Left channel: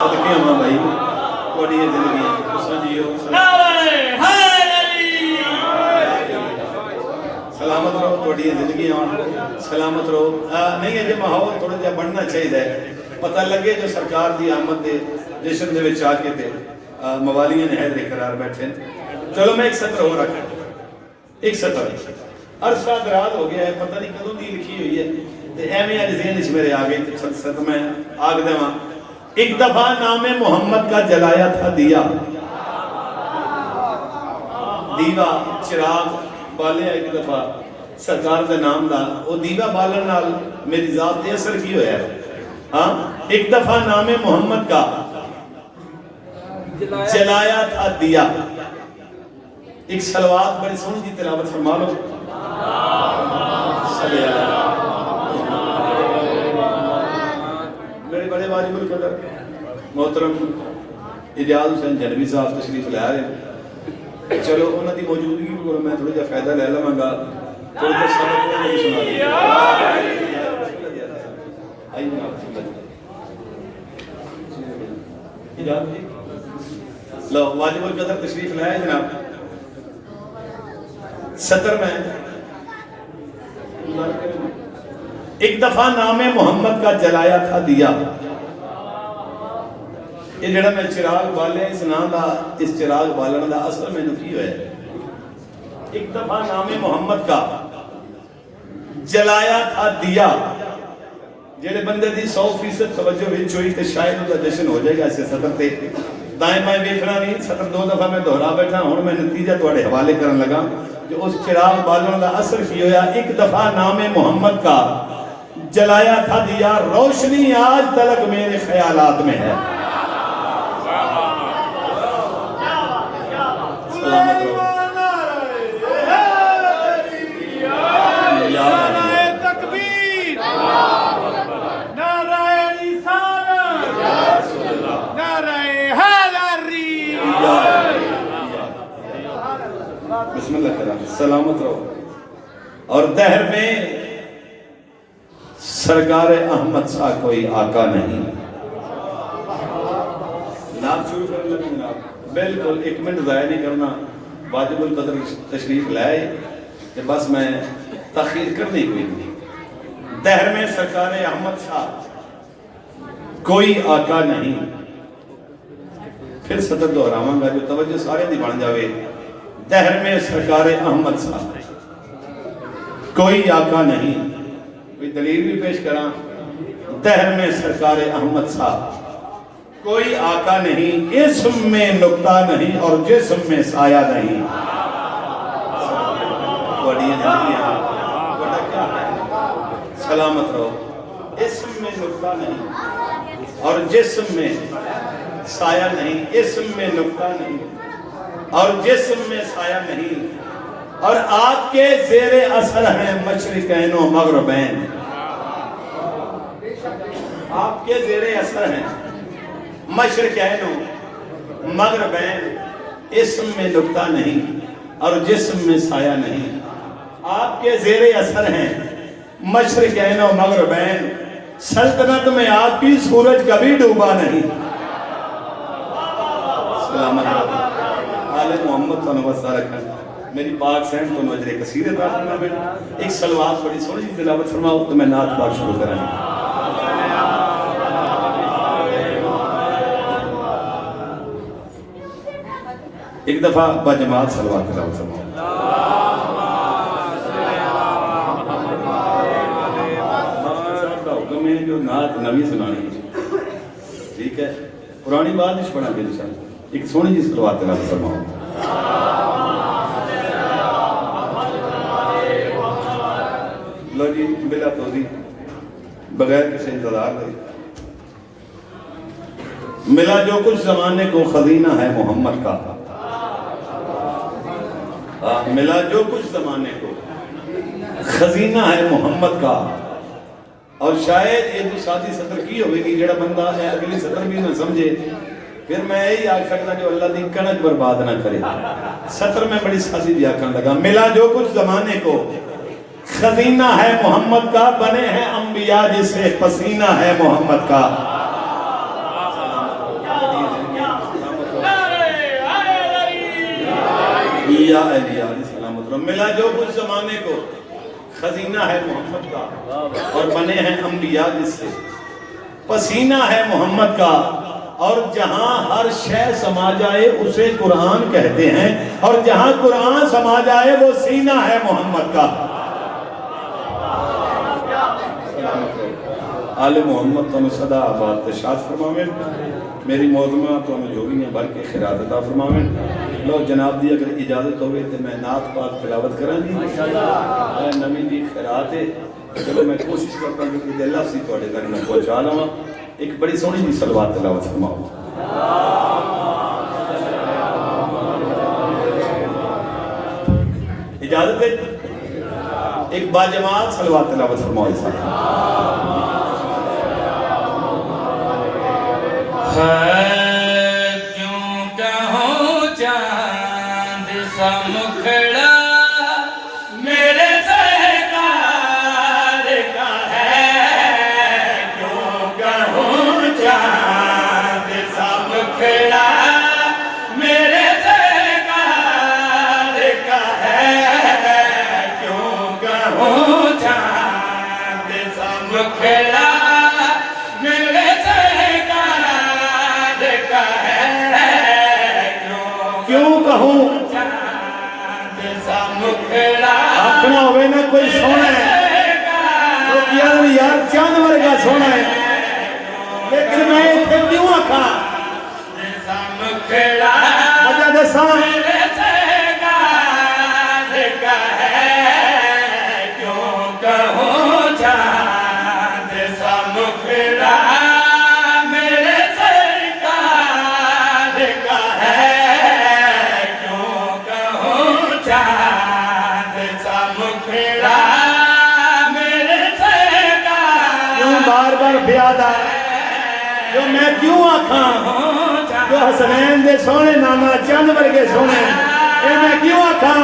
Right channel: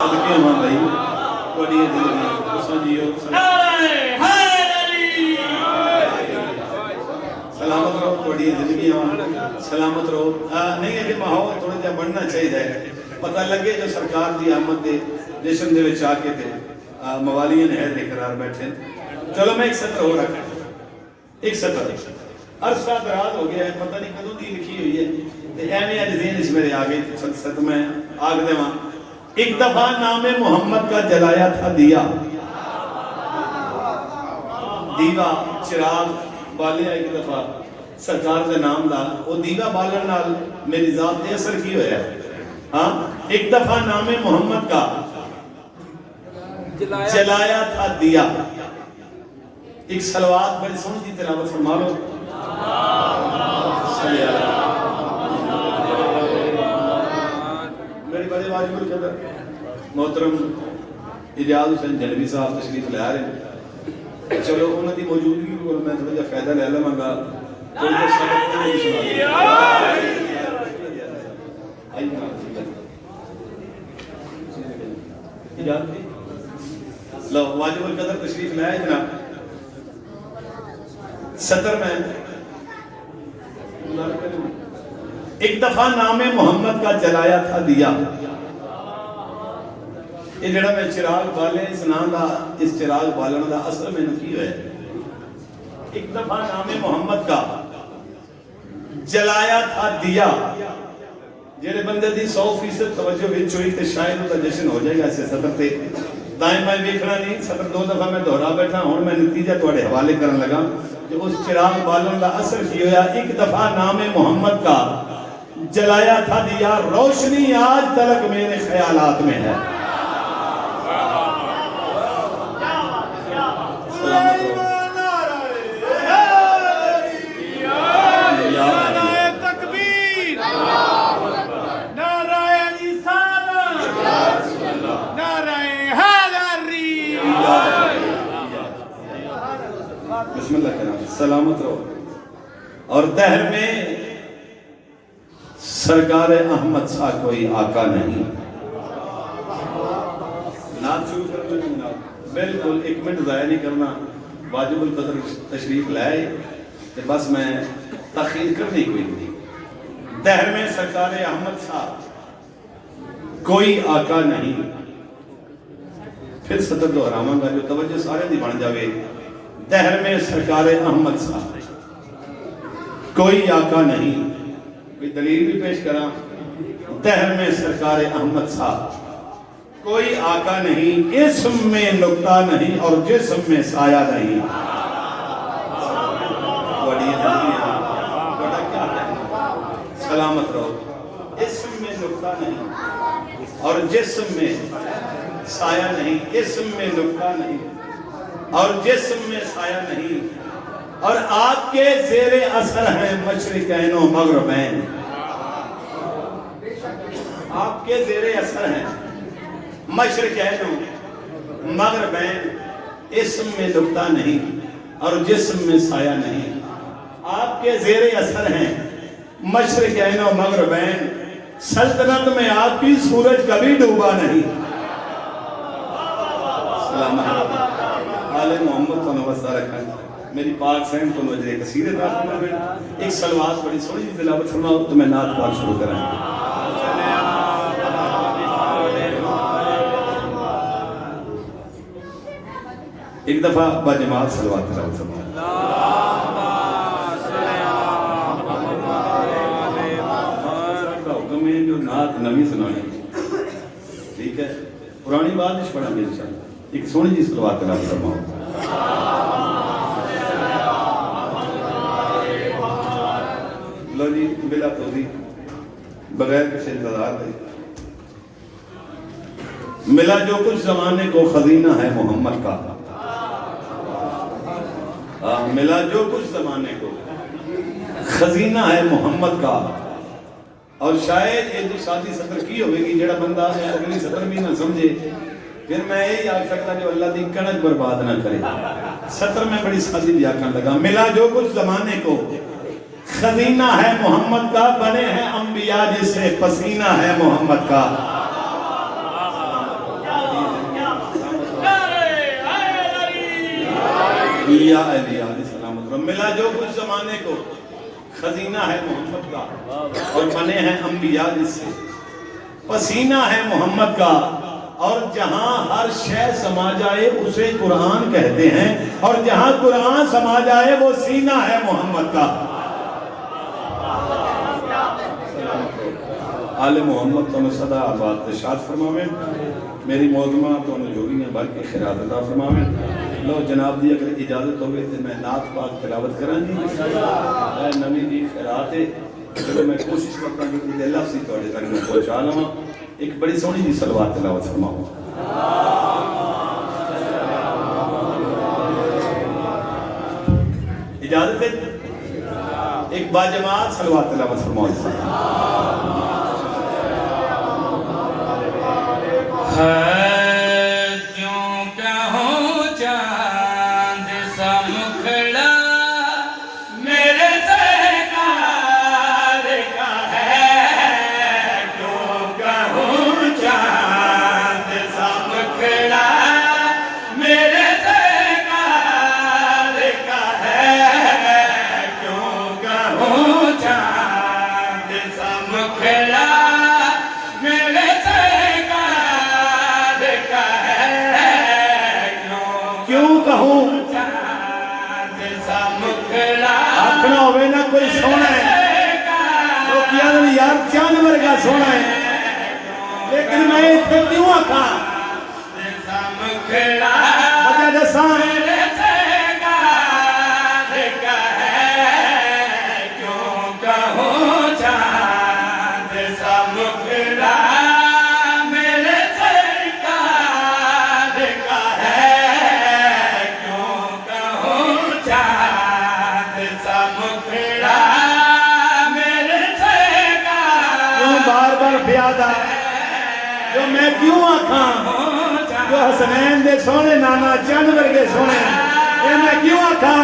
بھائی تھوڑی زندگی سلامت رہو، تھوڑی زندگی سلامت رہو. نہیں ہے ماحول تھوڑا جہا بننا چاہیے، پتہ لگے جو سرکار دی آمد دے جشن دے وچ آ کے تے موالیاں ہے بے قرار بیٹھے. چلو میں ایک سطر ہو رکھا، ایک سطر عرصہ دراز ہو گیا ہے، پتہ نہیں کدوں دی لکھی ہوئی ہے تے ایویں اج ذہن وچ میرے آ گئی سطر میں آگ دیواں. ایک دفعہ نام محمد کا جلایا تھا دیا، دیوا چراغ بالیا ایک دفعہ سرکار دے نام دا، او دیوا بالن نال میری ذات تے اثر کی ہویا ہے. ہاں ایک دفعہ نام محمد کا جلایا تھا دیا. ایک صلوات بڑی سونی دی تلاوت فرما لو. میرے بڑے واجب القدر محترم اجاز حسین جنوی صاحب تشریف لے رہے ہیں. چلو انہوں دی موجودگی کو میں تھوڑا جا فائدہ لے لوں گا. کوئی تو سبق کو نہیں سنا لو. واجب القدر تشریف لے آئے جناب. سطر میں ایک دفعہ نام محمد کا جلایا تھا دیا. یہ جڑا میں چراغ بالے اس نام دا، اس چراغ بالن دا اصل میں نکی ہوئے. ایک دفعہ نام محمد کا جلایا تھا دیا. جڑے بندے دی 100% توجہ وچ ہوئی تے شاید دا جشن ہو جائے گا. اسے سطر تے دائیں بائیں دیکھنا نہیں، سطر دو دفعہ میں دہرا بیٹھا. ہوں میں نتیجہ تواڈے حوالے کرن لگا کہ اس چراغ بالن دا اثر کی ہویا. ایک دفعہ نام محمد کا جلایا تھا دیا، روشنی آج تلک میرے خیالات میں ہے. سلامت رہو. نعرہ تکبیر، نعرہ رسالت، نعرہ حیدری. بسم اللہ کرام. سلامت رہو. اور دہر میں سرکار احمد سا کوئی آقا نہیں. نام شروع کر لیں جناب. بالکل ایک منٹ ضائع نہیں کرنا. واجب القدر تشریف لائے کہ بس میں تاخیر کرنے کوئی نہیں. دہر میں سرکار احمد سا کوئی آقا نہیں. پھر سطر دہراواں گا جو توجہ سارے دی بن جاوے. دہر میں سرکار احمد سا کوئی آقا نہیں. کوئی دلیل بھی پیش کراں. دہر میں سرکار احمد سا کوئی آقا نہیں. اسم میں نقطہ نہیں اور جسم میں سایہ نہیں. سلامت رہو. اسم میں نقطہ نہیں اور جسم میں سایہ نہیں. اسم میں نقطہ نہیں اور جسم میں سایہ نہیں. اور آپ کے زیر اثر ہیں مشرقین و مغربین. آپ کے زیر اثر ہیں مشرقین و مغربین. اسم میں نقطہ نہیں اور جسم میں سایہ نہیں. آپ کے زیر اثر ہیں مشرقین و مغربین. سلطنت میں آپ کی سورج کبھی ڈوبا نہیں. سلام آل محمد تو نوستہ رکھا. میری پاک سین کو نوجہ کثیر اتنا بیٹا. ایک سلوات بڑی سوڑی جی تلاوت فرماؤ تو میں نعت پاک شروع کرائیں. ایک دفعہ با جماعت سلوات تلاوت فرماؤ. حکم ہے جو نعت نوی سنانی. ٹھیک ہے، پرانی بات نہیں پڑھا گے انشاءاللہ. ایک سونی جی سلوات تلاوت فرماؤ. لو جی بلا توضیح بغیر کسی انتظار کرے. ملا جو کچھ زمانے کو خزینہ ہے محمد کا. ملا جو کچھ زمانے کو خزینہ ہے محمد کا. اور شاید یہ جو ساتھی سطر کی ہوئے گی جڑا بندہ میں اگلی سطر بھی نہ سمجھے پھر میں یہی آگ سکتا کہ اللہ دی کنک برباد نہ کرے. سطر میں بڑی ساتھی بھی آکھاں لگا. ملا جو کچھ زمانے کو خزینہ ہے محمد کا. بنے ہیں انبیاء جسے پسینہ ہے محمد کا. انبیاء علیہ السلام ملا جو کچھ زمانے کو خزینہ ہے محمد کا اور بنے ہیں انبیاء جس سے پسینہ ہے محمد کا اور جہاں ہر شے سما جائے اسے قرآن کہتے ہیں اور جہاں قرآن سما جائے وہ سینہ ہے محمد کا آل محمد تو صدا آباد تشاد فرماویں میری موضوع تو جوڑیاں بھر کے خیرات عطا فرماویں لو جناب دی اگر اجازت ہوگی تو میں نعت پاک تلاوت کروں گی نبی دی خیرات ہے چلو میں کوشش کرتا ہوں کہ اللہ سے تھوڑے تک میں پہنچا لوں ایک بڑی سونی دی صلوات تلاوت فرماؤں اجازت ہے ایک باجماعت صلوات تلاوت فرماؤں کیوں کہوں چاند سا مکھڑا میرے سرکار کا ہے کیوں کہوں چاند سا مکھڑا میرے سرکار کا ہے کیوں کہوں چاند سا مکھڑا میرے کیوں کہوں آخنا ہوئے نا کوئی سونا ہے وہ کیا یار جانور کا سونا ہے لیکن میں اتنے کیوں آخا وجہ دساں کیوں کہوں چاند سا مکھڑا میرے سرکار کا ہے کیوں بار بار بیادہ جو میں کیوں آکھاں جو حسنین دے سونے نانا جانور کے سونے اے میں کیوں آکھاں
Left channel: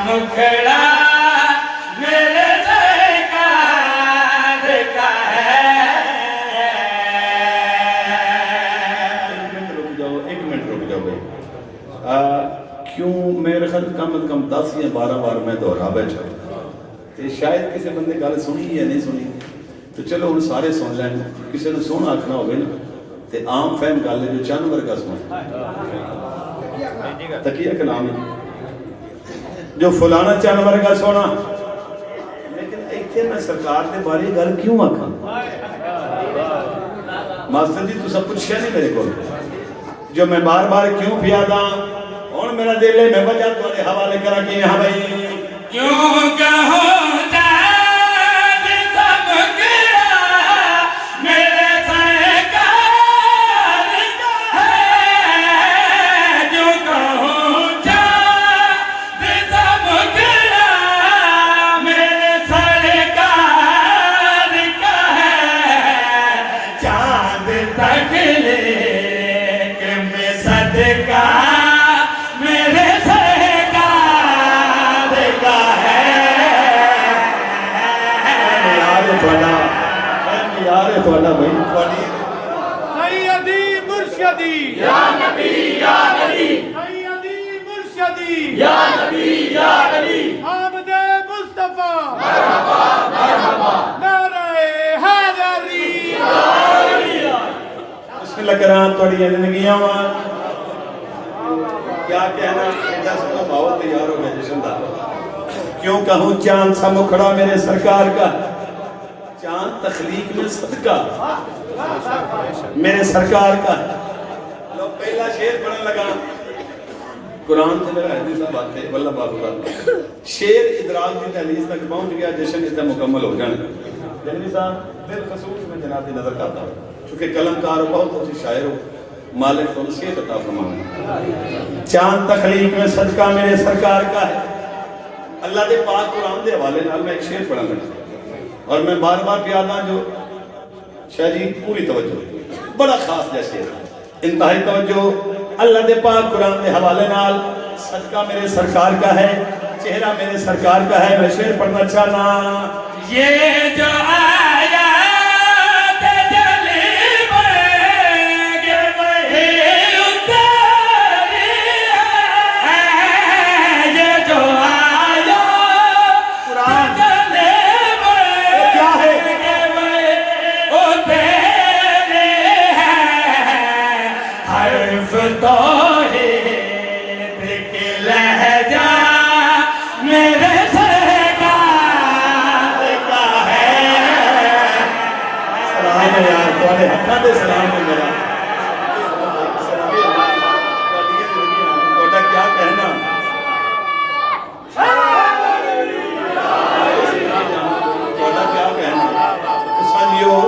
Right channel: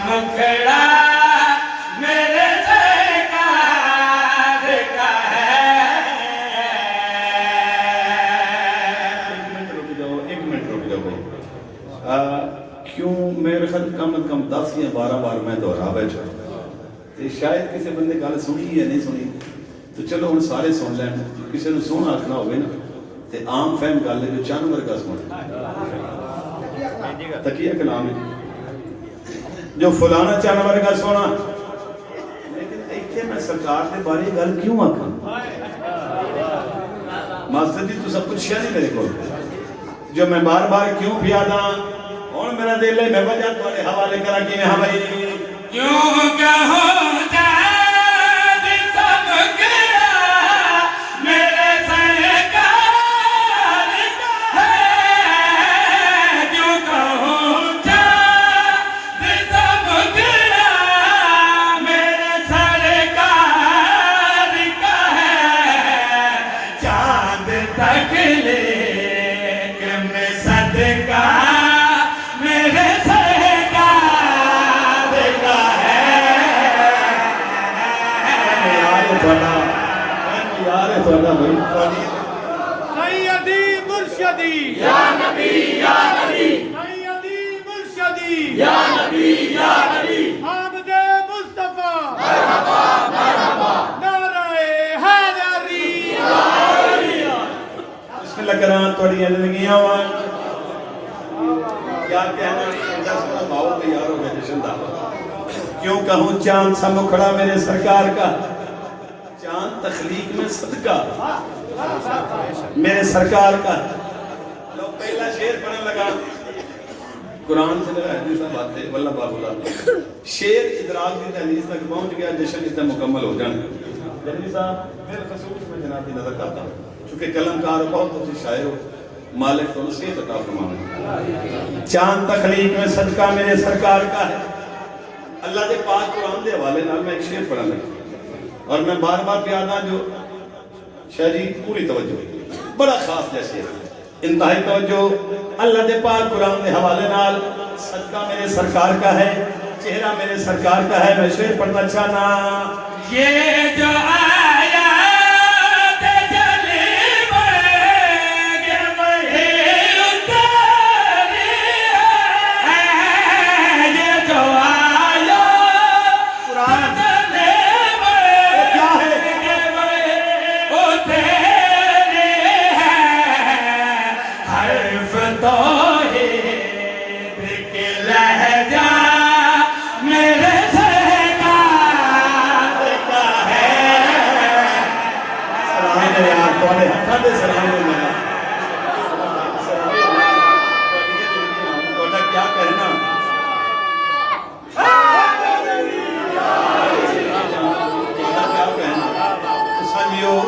مکھڑا میرے سرکار کا ہے ایک منٹ رک جاؤ کیوں میرے خیال کم از کم 10 یا 12 بار میں دہرا بیٹھا تو شاید کسی بندے گل سنی یا نہیں سنی تو چلو ہن سارے سن لیں کسی نے سونا آکھنا ہوگی نا تو عام فہم گل ہے جو جانور کا سونا تقیہ کلام ہے جو فلانا جانور کا سونا لیکن ایتھے میں سرکار دے بارے گل کیوں آکھاں مقصد تو سب کچھ ہے نہیں میرے کو جو میں بار بار کیوں پیادا اور میرا دل ہے میں وجہ تمہارے حوالے کرا کہ ہاں بھائی کیوں کہوں چاند سا مکھڑا میرے سرکار کا ہے کیوں کہوں چاند سا مکھڑا میرے سرکار کا ہے چاند تک لیک میں صدقہ میرے سرکار کا ہے یار تھوڑا بھائی سیدی مرشدی یا نبی یا نبی سیدی مرشدی یا نبی یا نبی حامد مصطفیٰ مرحبا مرحبا نعرہ حیدری اس کی لکران توڑی زندگیاں ہوا کیا کہنا دس کا بھاؤ تیار ہو گیا جشن دا کیوں کہوں چاند سا مکھڑا میرے سرکار کا چاند تخلیق میں صدقہ میرے سرکار کا لوگ پہلا شیر پڑھنے لگا قرآن سے لگا حدیث بات ہے واللہ بات اللہ شیر ادراک کی حدیث تک پہنچ گیا جشن اتنا مکمل ہو جانے جنبی صاحب بالخصوص میں جناب کی نظر کرتا ہوں چونکہ قلمکار بہت اچھی شاعر ہو مالک کو نصیحت عطا فرمانا چاند تخلیق میں صدقہ میرے سرکار کا ہے اللہ دے پاک قرآن دے حوالے نال میں ایک شعر پڑھا لگا اور میں بار بار پیادا جو شاہ جی پوری توجہ بڑا خاص جیسے انتہائی توجہ اللہ دے پاک قرآن دے حوالے نال صدقہ میرے سرکار کا ہے چہرہ میرے سرکار کا ہے میں شعر پڑھنا چاہنا یہ جو آیات جل دے سلام دے میرا توڑا کیا کہنا توڑا کیا کہنا سانیو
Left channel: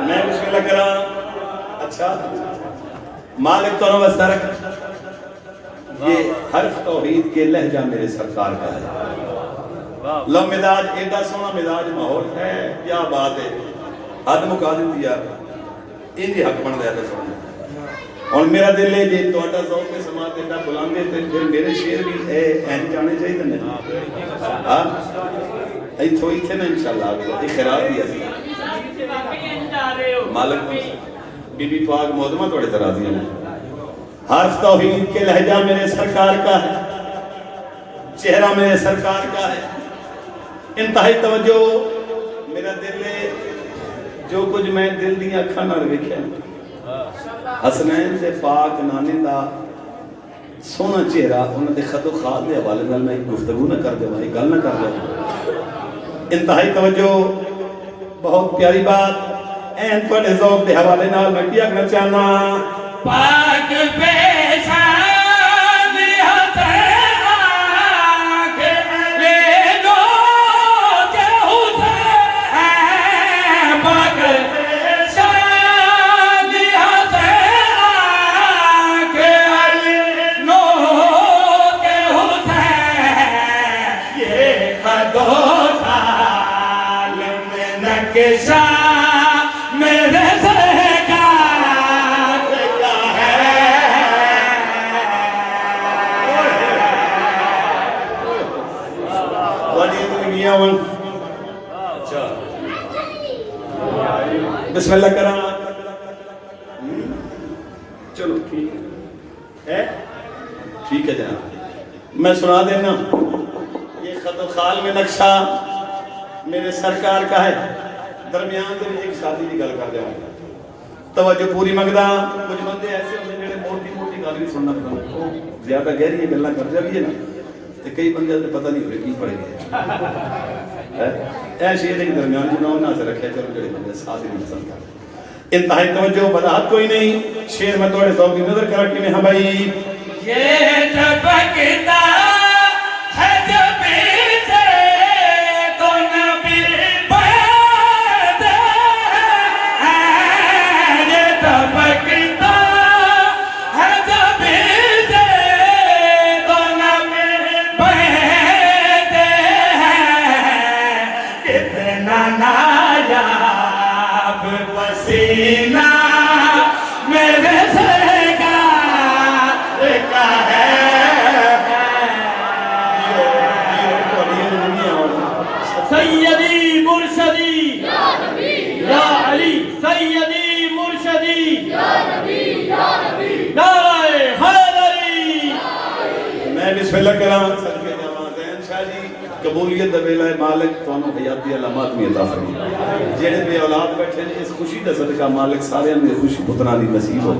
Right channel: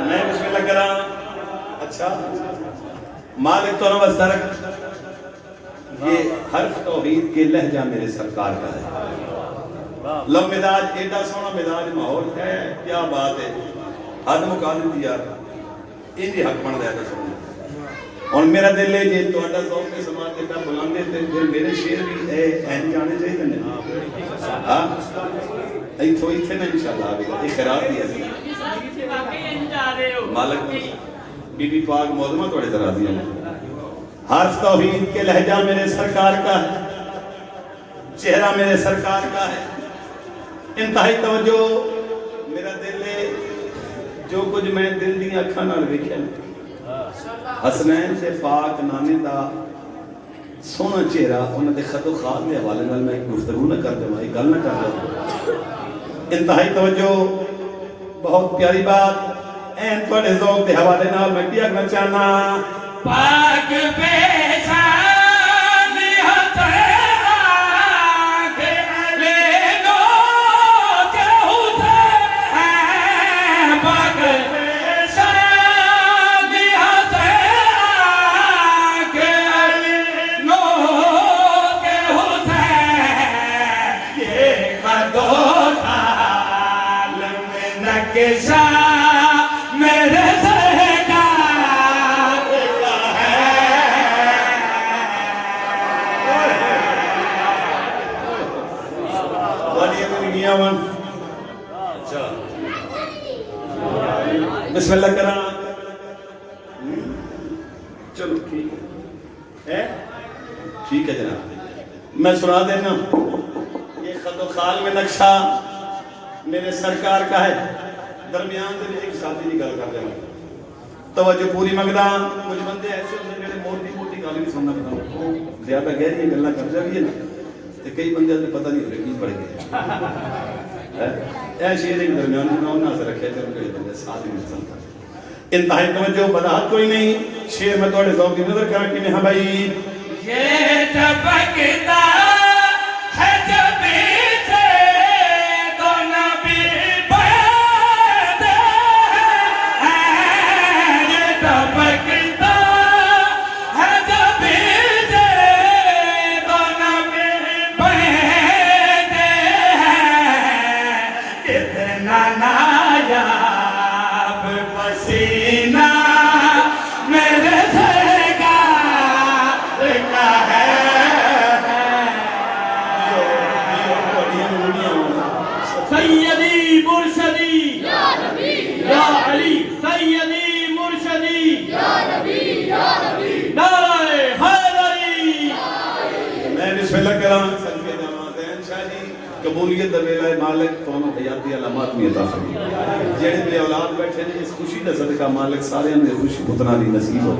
میں بسم اللہ کرا اچھا مالک تو نوز درک یہ حرف توحید کے لہجہ میرے سرکار کا ہے لم مداج ایڈا سونا مداج ماحول ہے کیا بات ہے حد مقادم دیا ان دی حق بن رہا تھا اور میرا دل ہے جی توڑا ذوق کے سماعت ایڈا بلانگے تھے پھر میرے شیر بھی اہم جانے چاہیے تھے ہاں ایتھو ایتھے نے انشاءاللہ ایک خیرات دیا تھی مالک بی بی پاک معظمہ توڑے طرح دیا حرف توحید کے لہجہ میرے سرکار کا ہے چہرہ میرے سرکار کا ہے انتہائی توجہ میرا دل ہے جو کچھ میں دل دی اکھاں نال ویکھیا حسنین سے پاک نانے دا سونا چہرہ انہاں دے خط و خط دے حوالے نال میں گفتگو نہ کر دیواں گل نہ کر دیواں انتہائی توجہ بہت پیاری بات این تو ذوق دے حوالے نال میں کیا کرنا چاہنا پاک پیشان حسین آنکھ لے لو جو حسین پاک پیشان حسین آنکھ لے لو جو حسین یہ خدو سال میں نقشہ میرے بسم اللہ کرام چلو ٹھیک ہے ٹھیک ہے جناب میں سنا دینا یہ خط و خال میں نقشہ میرے سرکار کا ہے درمیان دے ایک شادی کی گل کر رہا ہوں توجہ پوری مگدا کچھ بندے ایسے ہوتے ہیں موٹی موٹی گل نہیں سننا پتا زیادہ گہری گلاں کر جائے نا تو کئی بندے تو پتہ نہیں ہو رہی کی پڑھ گئے اے شیر کے درمیان جناب نہ سے رکھے کر کے بندے ساتھ میں چلتا انتہائی توجہ وضاحت کوئی نہیں شیر میں تھوڑے ذوق کی نظر کر کے ہاں بھائی یہ چپکتا ہے جب سے تو نبی بات ہے یہ چپکتا ہے جب سے تو نبی بات ہے کتنا نایاب پسینہ میرے سیدی مرشدی یا نبی یا علی سیدی مرشدی یا نبی یا نبی نعرہ حیدری میں بسم اللہ کرام صدقے جاواں زین شاہ جی قبولیت دا ویلا مالک کونوں حیاتی علامات میں عطا فرمائے جڑے بے اولاد بیٹھے نے اس خوشی دا صدقہ مالک سارے نے خوشی پتراں دی نصیب ہو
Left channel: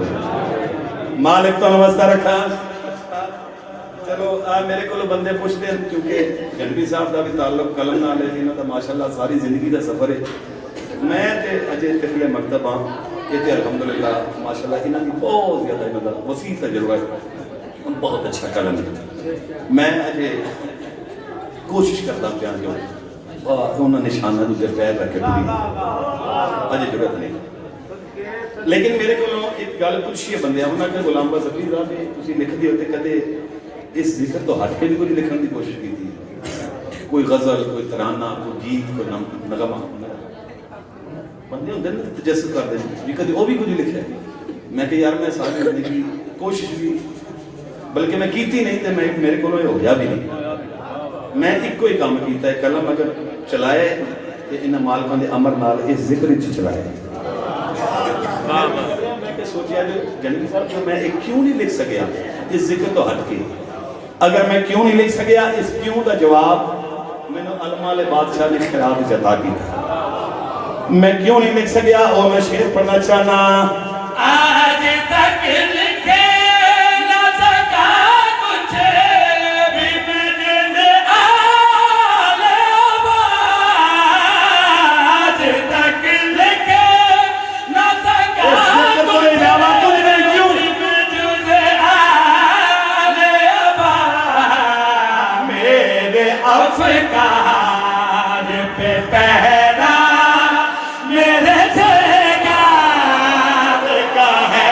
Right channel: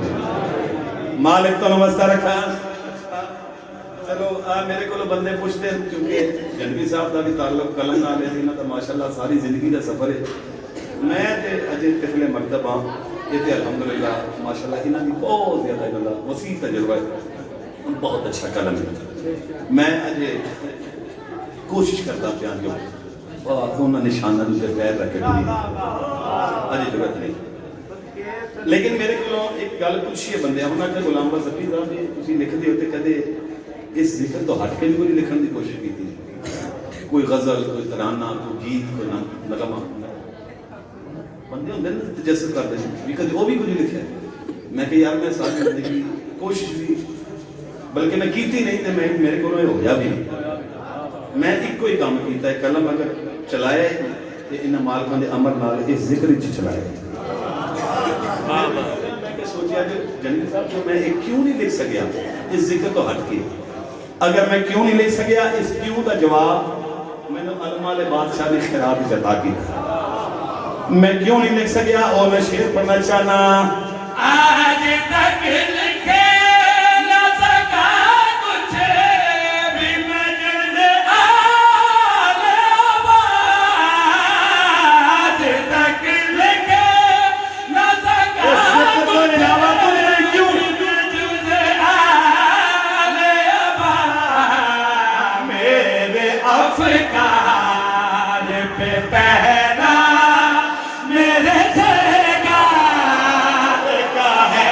مالک تو واسطہ رکھا چلو میرے کو بندے پوچھتے ہیں کیونکہ جنبی صاحب کا بھی تعلق قلم نال ہے انہاں دا ماشاءاللہ ساری زندگی کا سفر ہے میں تے اجے طفل مکتب ہاں یہ تے الحمدللہ ماشاءاللہ انہاں دی بہت زیادہ مطلب وسیع تجربہ ہے بہت اچھا قلم ہے میں اجے کوشش کرتا پیا جو انہاں نشاناں دے پیر رکھ کے اجے ضرورت نہیں لیکن میرے کو ایک گل پوچھی ہے بندے انہاں کہ غلام باز ابھی صاحب نے تسی لکھدے ہو تے کدے اس ذکر تو ہٹ کے بھی کوئی لکھنے کی کوشش کی تھی کوئی غزل کوئی ترانہ کوئی گیت کوئی نغمہ بندے ہوندے نے تجسس کرتے ہیں بھی کدی وہ بھی کچھ لکھا ہے میں کہ یار میں ساری زندگی کوشش بھی بلکہ میں کیتی نہیں تے میں میرے کو ہو گیا بھی نہیں میں ایک کوئی کام کیتا ہے قلم اگر چلائے تے انہاں مالکاں دے امر نال اس ذکر وچ چلائے میں کہ سوچیا جو جنید صاحب جو میں کیوں نہیں لکھ سکیا اس ذکر تو ہٹ کے اگر میں کیوں نہیں لکھ سکیا اس کیوں کا جواب میں نے علماء بادشاہ نے خراب جتا کی میں کیوں نہیں لکھ سکیا اور میں شعر پڑھنا چاہنا آج تک لکھے نہ سکا کچھ بھی میں جن آج افکار پہ پہرا میرے سرکار کا ہے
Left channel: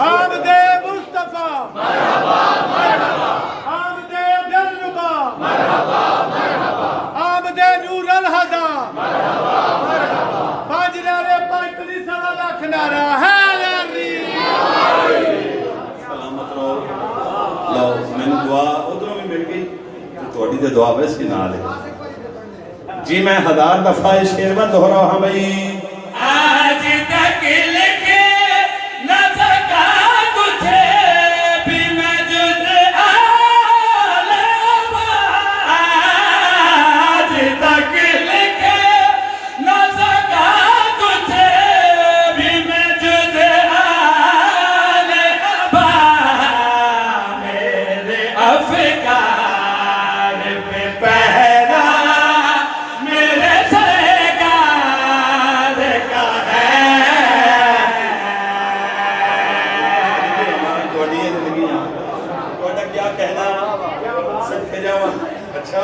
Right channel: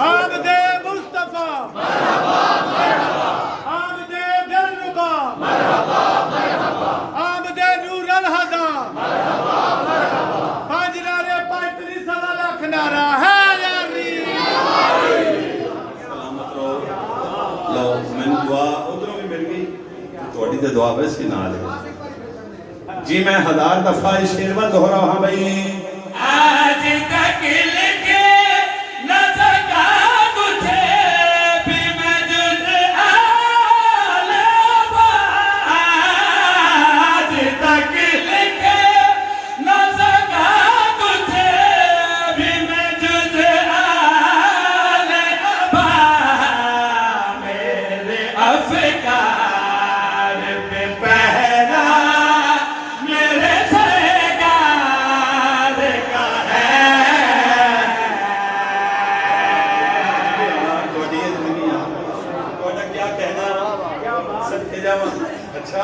آمد مصطفیٰ آمد دلربا آمد نور الہدا باجرار پاکلی سوا لاکھ نعرہ حیدری سلامت رہو لو میں نے دعا ادھروں بھی مل گئی تھوڑی دے دعا بس کی نال ہے جی میں 1000 دفعہ یہ شعر میں دہرا ہاں بھائی آج تک لکھے نہ سکا تجھے بھی میں جز عالم آج تک لکھے نہ سکا تجھے بھی میں جز عالم میرے افکار پہ پہرا میرے سرکار کا ہے کیا کہنا صدقے جاواں اچھا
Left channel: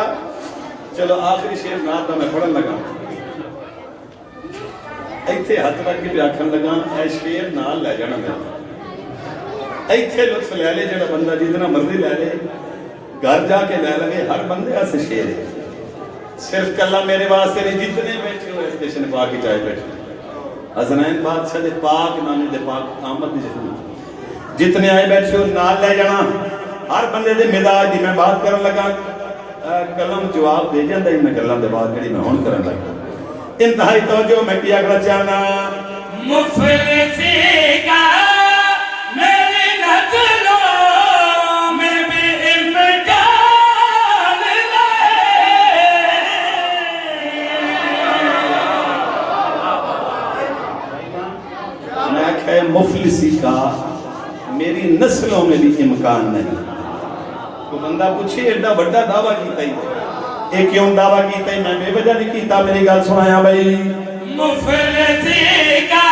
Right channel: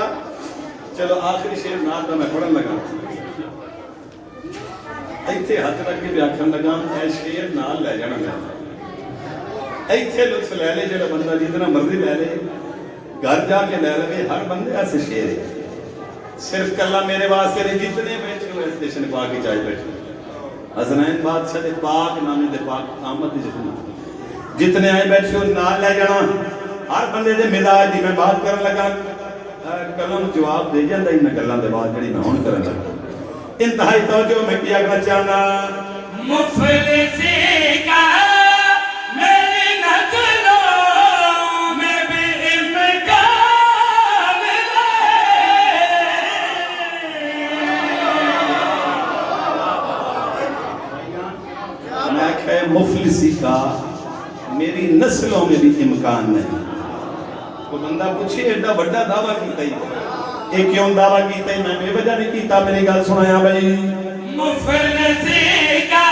چلو آخری شعر نال دا میں پڑھن لگا ایتھے ہاتھ رکھ کے بھی آکھن لگا اے شعر نال لے جانا میں ایتھے لطف لے لے جڑا بندہ جتنا مرضی لے لے گھر جا کے لے لے ہر بندے سے شعر ہے صرف کلا میرے واسطے نہیں جتنے بیٹھے ہوئے اس کشن پاک کی چاہے بیٹھے حضرین بادشاہ دے پاک نانے دے پاک آمد دی جتنے آئے بیٹھے ہو نال لے جانا ہر بندے دے مزاج دی میں بات کرن لگا کلم جواب دے جاندا ہی میں گلاں دے بات جڑی میں ہن کرن لگا انتہائی توجہ میں کیا کرنا چاہنا مفلسی کا میری نظروں میں بھی امکان میں کہے مفلسی کا میری نسلوں میں بھی امکان نہیں تو بندہ پوچھے ایڈا بڑا دعویٰ کیتا ہی ایک کیوں دعویٰ کیتا ہی میں بے وجہ نہیں کیتا میری گل سنایا بھائی مفلسی کا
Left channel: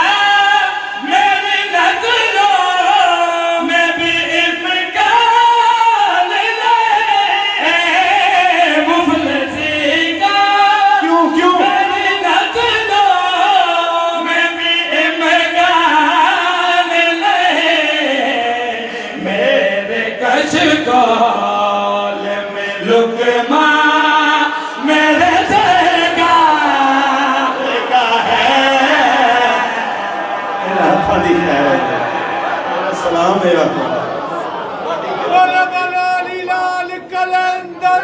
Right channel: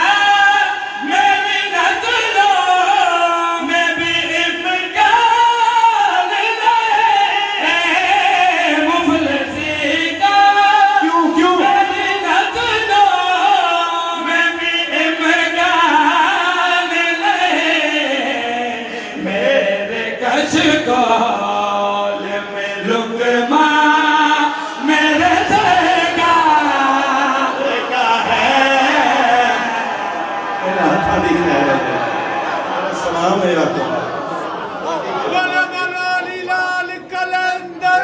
میری نظروں میں بھی امکان نہیں مفلسی کا کیوں میری نظروں میں بھی امکان نہیں میرے کشکول میں لقمہ میرے سرکار کا ہے میرا ہاتھا دیکھ رہا ہے سلام میرا بولا بولا لال کلندر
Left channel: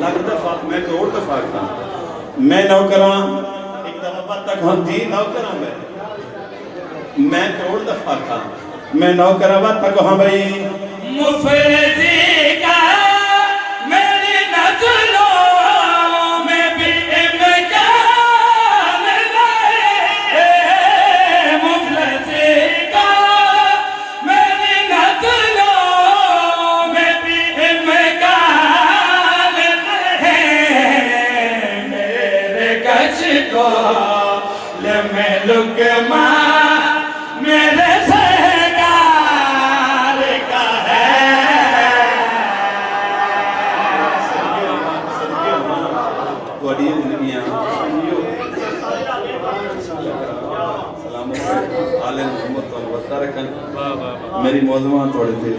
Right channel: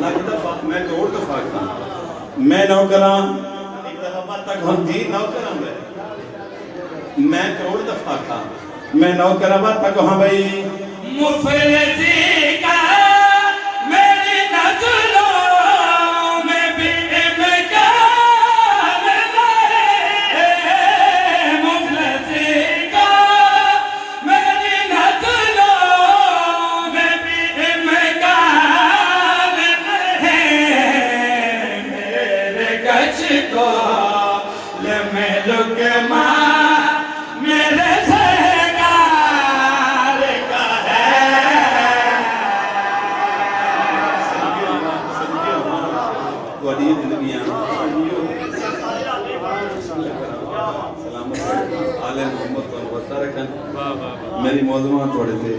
لگ دفعہ میں تو اور دفعہ کرتا میں نوکراں ایک دفعہ بات تک ہم جی نوکراں میں کروڑ دفعہ تھا میں نوکراں بات تک ہاں بھائی مفلسی کا میری نظروں میں بھی امکان نہیں مفلسی کا میری نظروں میں بھی امکان نہیں میرے کشکول میں لقمہ میرے سرکار کا ہے بڑی زندگیاں سلامت آل محمد اور وسطہ رکھن میری موضوعات تھوڑے تھے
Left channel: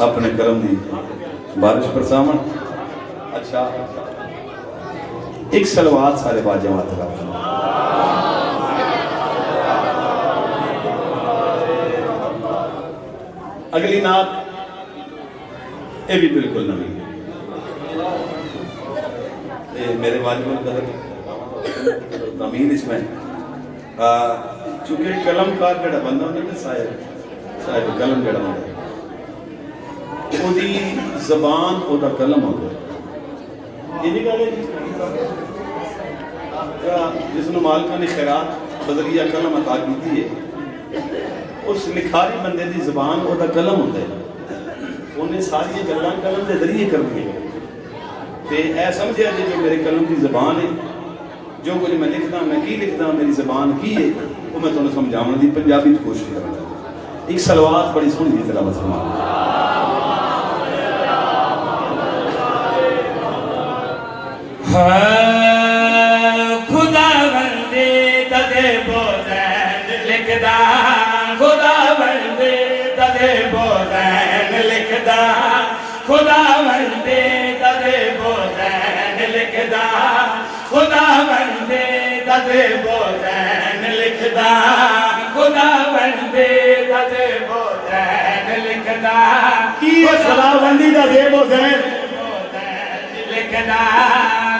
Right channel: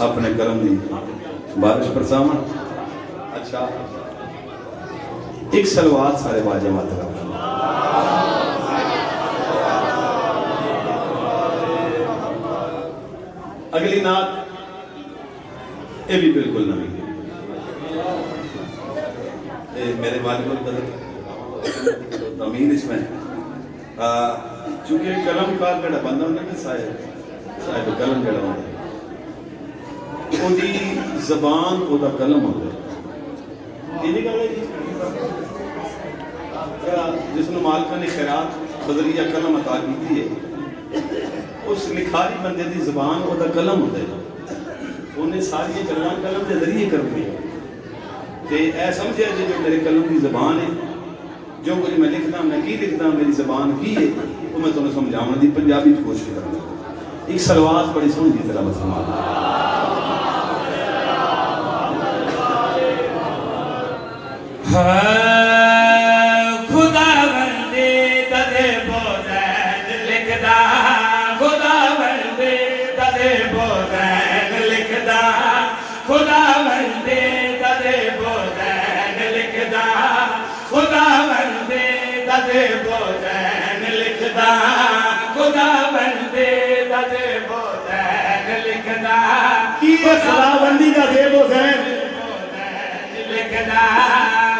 اپنے کرم دی بارش پر ساما اچھا ایک سلوات سارے باجمات کا اگلی نات یہ بھی بالکل نہ ملی میرے والد القدر امین اس میں چونکہ قلم کار جڑا بندہ ہونے کے صاحب قلم جڑا بندہ وہ دی زبان وہ دا قلم ہو گیا یہ نہیں کہا جی جس نے مالکہ نے خیرات بدریہ قلم عطا کی تھی ہے اس لکھاری بندے دی زبان وہ دا قلم ہوتا ہے انہیں ساری گلاں قلم کے ذریعے کر دی تے اے سمجھیا جی جو میرے قلم کی زبان ہے جو کچھ میں لکھنا میں کی لکھنا میری زبان کی ہے وہ میں تمہیں سمجھاؤں دی پنجابی کی کوشش کرتا ہوں ایک صلوات بڑی سن کی تلاوت فرما خدا بندے تدے بوزین لکھدا خدا بندے تدے بوزین لکھدا خدا بندے تدے بوزین لکھدا خدا بندے تدے بوزین لکھدا خدا بندے تدے بوزین لکھدا کی خدا بندی دا دے بوزین لکھدا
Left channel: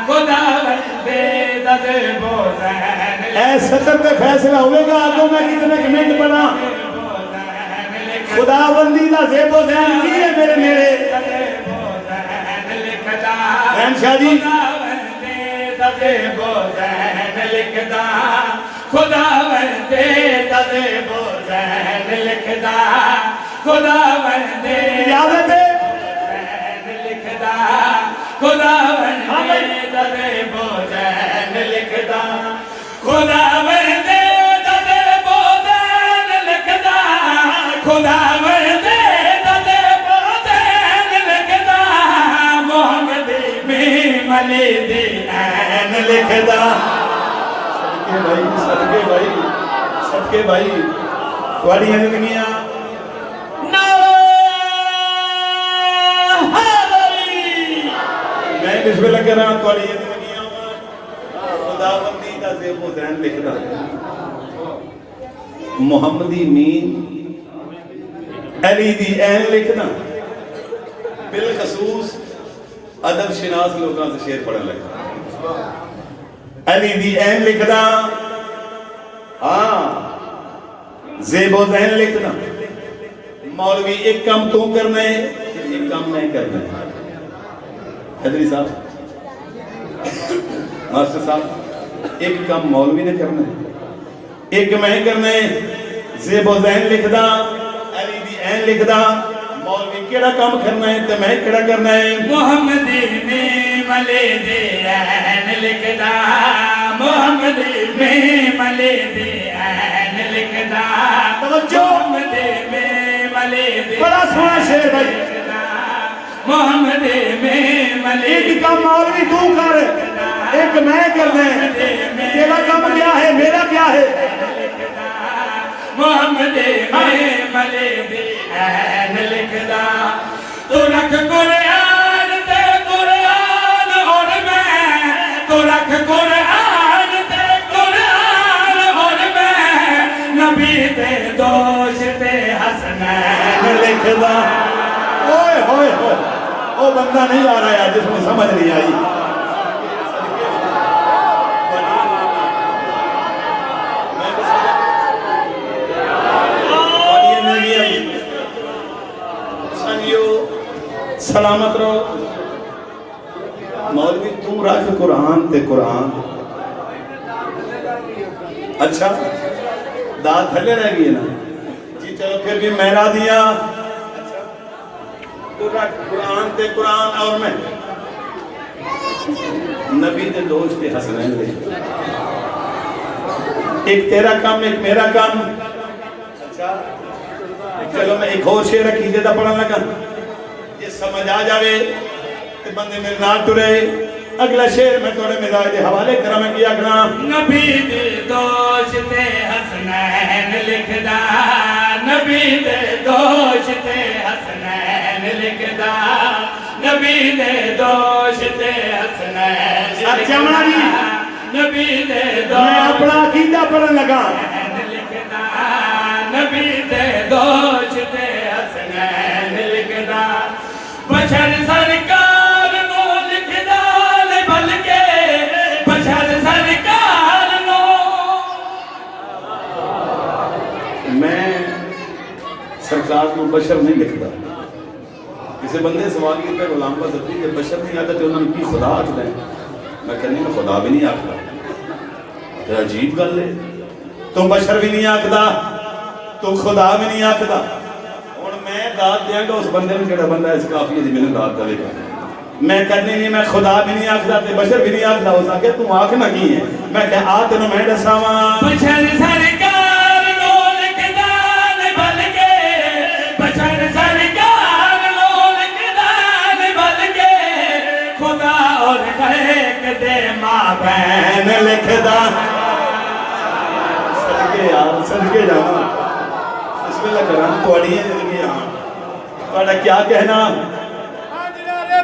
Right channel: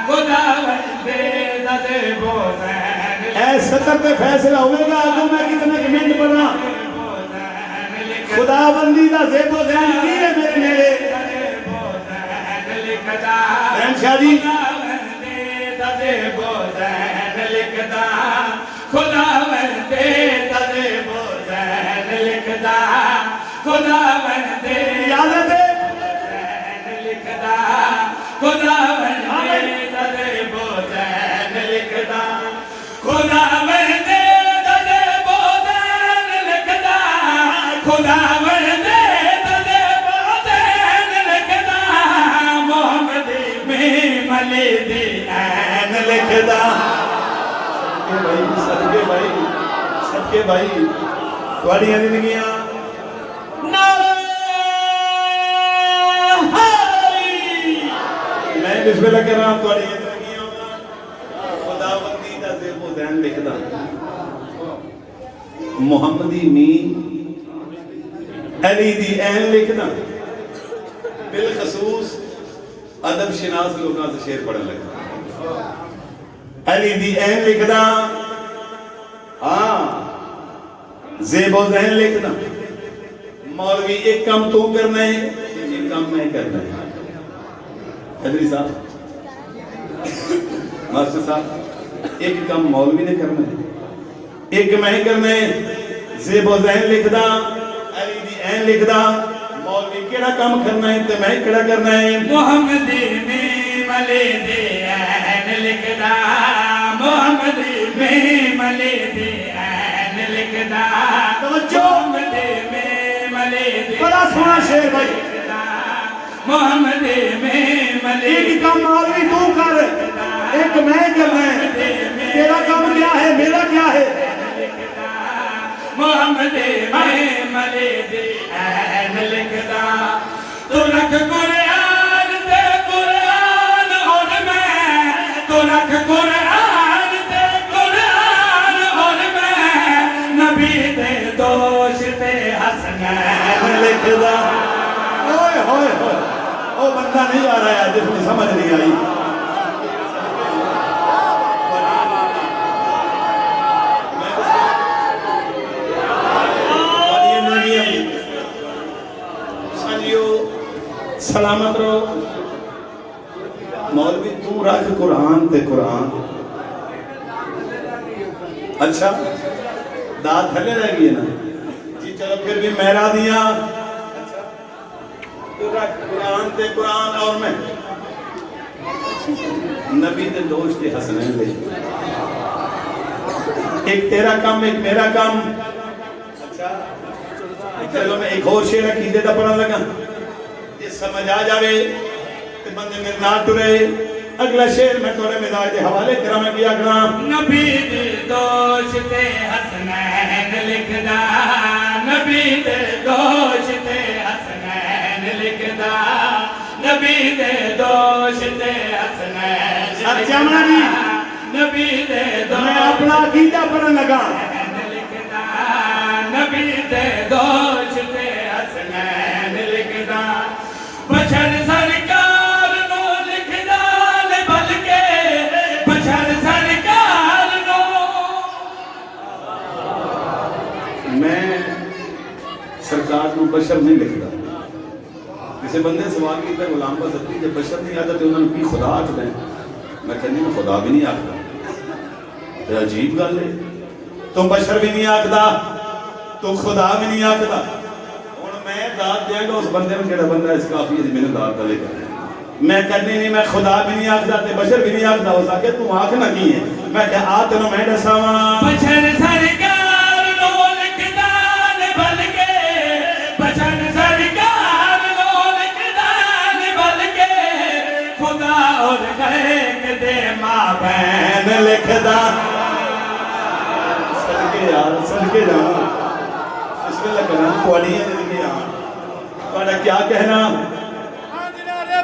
خدا بندے تدے بوزین اے سطر پہ فیصلہ ہوئے گا آگوں میں کتنے کمنٹ بنا خدا بندی دا زیب و زین کی ہے میرے میرے رحم شاہ جی خدا بندے تدے بوزین لکھدا خدا بندے اجازت ہے لکھدا خدا بندے تدے بوزین لکھدا خدا بندے تدے بوزین لکھدا خدا بندے تدے بوزین لکھدا محمد میں ملی دی این لکھدا سب کے بھائی تھوڑی زندگیاں میں بسم اللہ کر رہا ہوں تھوڑی زندگیاں خدا بندی دا زیب و زین لکھدا محمدی مین علی دی این لکھنا بالخصوص ادب شناس لوگاں سے شعر پڑھن لگا علی دی این لکھنا ہاں زیب و زین لکھنا مولوی ایک کام تو کرنا ہے ایک کام میں کرنا ہے حضری صاحب ماسٹر صاحب ایک کام مولوی نے کرنا ہے ایک میں کرنا ہے زیب و زین لکھنا علی دی این لکھنا مولوی کیڑا کام کرنا ہے تے میں کیڑا کرنا ہے محمدی میں ملے دے این لکھدا محمدی میں ملے دے این لکھدا محمدی میں ملے دے بڑا سونا شعر بھائی محمدی میں ملے ایک کام مولوی تو کر ایک میں کرنا ہے تیرا کام کیا ہے میرا کیا ہے محمدی میں ملے دے این لکھدا تو رکھ قرآن تے قرآن اور میں تو رکھ قرآن تے قرآن اور میں نبی تے دوش تے حسنین لکھدا اوئے ہوئے ہوئے وہ بندہ نہیں آ رہا ہے جس میں سمجھ نہیں آئی سلامت رہو مولوی تم رکھ قرآن تے قرآن اچھا داد تھلے رہ گئی نا جی چلو پھر بھی میرا دیا تو رکھ قرآن تے قرآن اور میں نبی تے دوست کے حسنین لے ایک تیرا کام ایک میرا کام اچھا چلو میں ایک اور شعر رکھی جیدہ پڑھا لگا سمجھ آ جاوے کہ بندے میرے نال ٹرے اگلا شعر میں توڑے مزاج دے حوالے کرا میں کیا گنا نبی دے دوش تے حسنین لکھدا نبی دے دوش تے حسنین لکھدا نبی دے دوش تے حسنین اچھا نبی دے میں اپنا عقیدہ پڑھن لگا لکھدا نبی دے دوش تے حسنین لکھدا بشر سرکار نو لکھدا لے بلکہ بشر سرکار نو میں سرکار کو بشر نہیں لکھتا کسی بندے سوال کی کہ غلام کا ذکر کہ بشر نہیں آتا تو انہوں نے کی خدا آتا ہے میں کہنے میں خدا بھی نہیں آتا تو عجیب گل ہے تو بشر بھی نہیں آتا تو خدا بھی نہیں آتا اور میں داد دیا گا اس بندے میں کہڑا بندہ اس کافی ہے میں داد دے گا میں کرنی نہیں میں خدا بھی نہیں آخدا تے بشر بھی نہیں آخدا ہو سکے تم آخ نہ کی ہے میں کہ آ تینوں میں دساواں بشر سرکار نو لکھدان بل کے بشر سرکار نو لکھدان بل کے خدا اور خلق دے ماں بہن لکھدا صدقے یار صدقے جاواں بسم اللہ کراں تواڈیاں زندگیاں تہاڈا کیا کہنا